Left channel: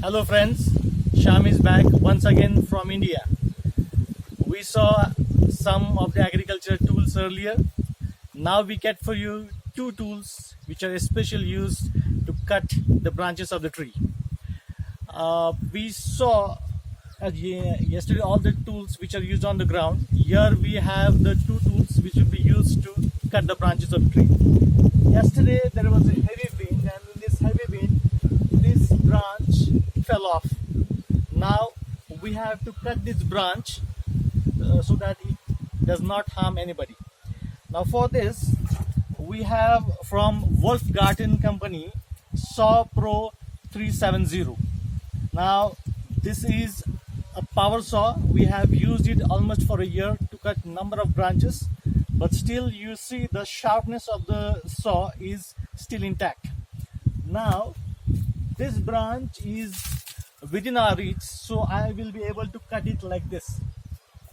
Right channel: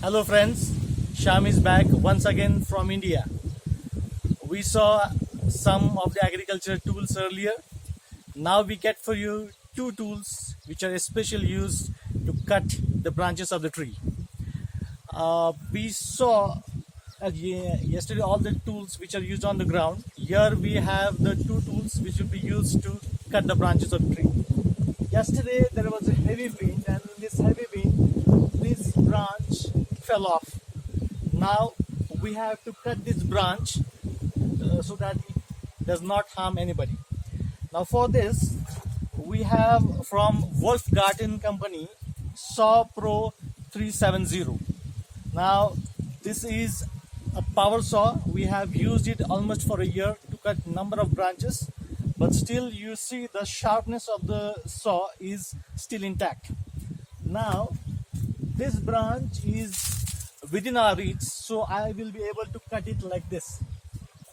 Hello friends, Sham is back once again from India. We saw some of the agriculture tools earlier. Now we get for you two tools which are especially used to cut the branches of the tree. We saw yesterday all the tools which are used on the ground. Here we have the two tools which will be used to cut the branches of the tree. Yesterday there was a heavy wind, and in this heavy wind this branch fell off. Now we have to cut this branch so that it does not harm anybody. Now for this we have from Garten Company Saw Pro 370. Now this is a power saw. We have used it almost for a year to cut number of branches, but still you see the sharpness of the saw is still intact. Now this branch is within our reach, so I will be able to cut it like this.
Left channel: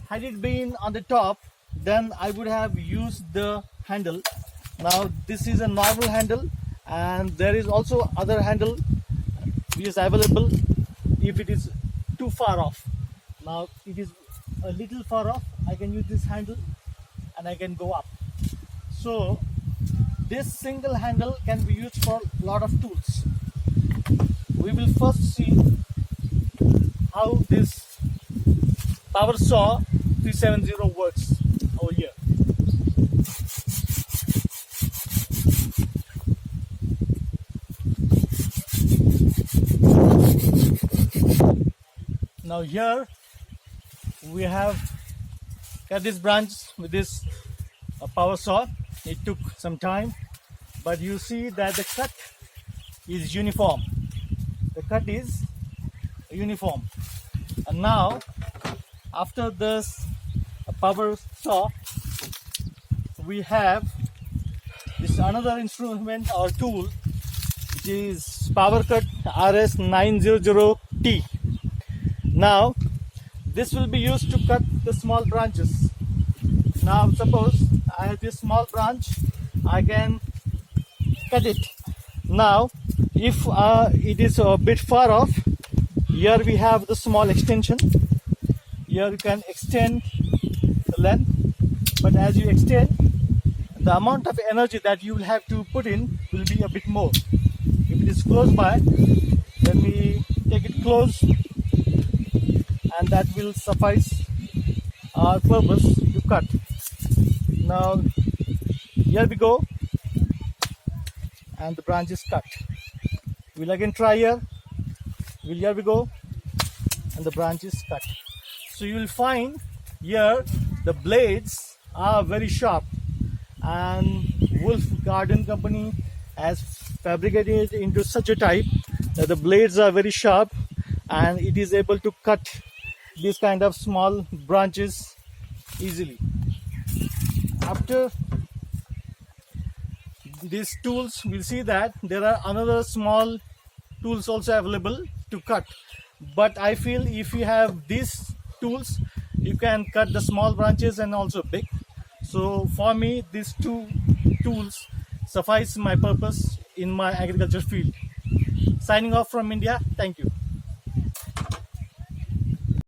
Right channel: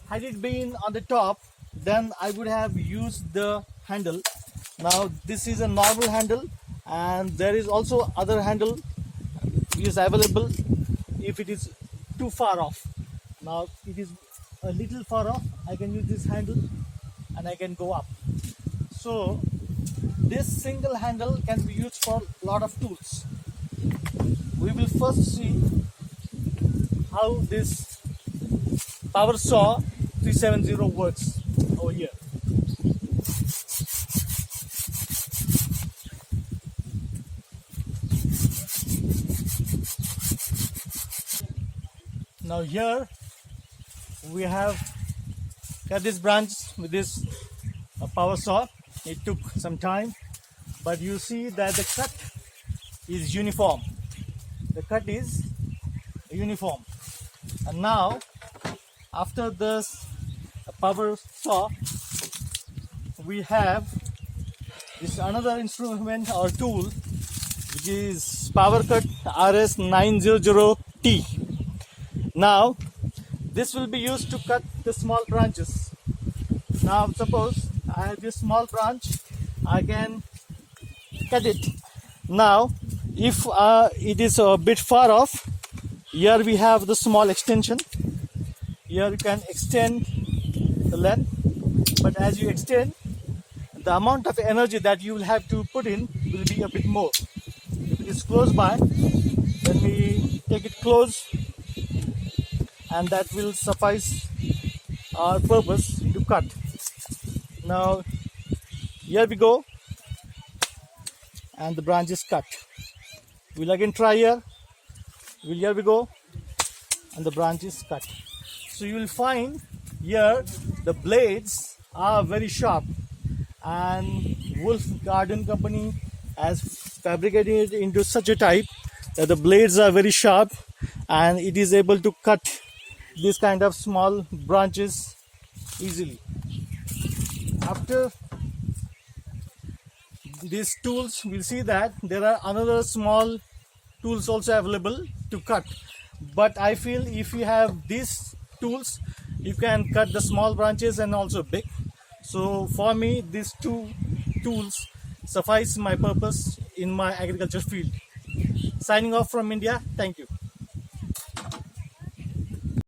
Had it been on the top, then I would have used the handle. Now this is a normal handle, and there is also other handle which is available if it is too far off. Now it is a little far off, I can use this handle and I can go up. So this single handle can be used for a lot of tools. We will first see how this power saw 370 works over here. Now here we have cut this branch with this power saw. It took some time, but you see that the cut is uniform. The cut is uniform. And now after this power saw, we have this another instrument or tool, which is Power Cut RS900T. Now this will be used to cut the small branches. Now suppose I have this small branch, I can cut it. Now if it is a bit far off, here we have the small extension. Here you can extend the length, but as you extend, the amount of energy that you will have to put in will be a bit more. If it is close by, then we take it close, and that will suffice our purpose to cut. Now here we go, and the branch is cut. We'll again try here. Here we go, and the branch is cut. So you will find here the blades are very sharp, and Garten Company has fabricated it into such a type that the blades are very sharp, and it is able to cut these kind of small branches easily. After these tools, we'll see that there are another small tools also available to cut, but I feel if you have these tools, you can cut the small branches and also big. So for me, these two tools suffice my purpose in my agriculture field. Signing off from India. Thank you.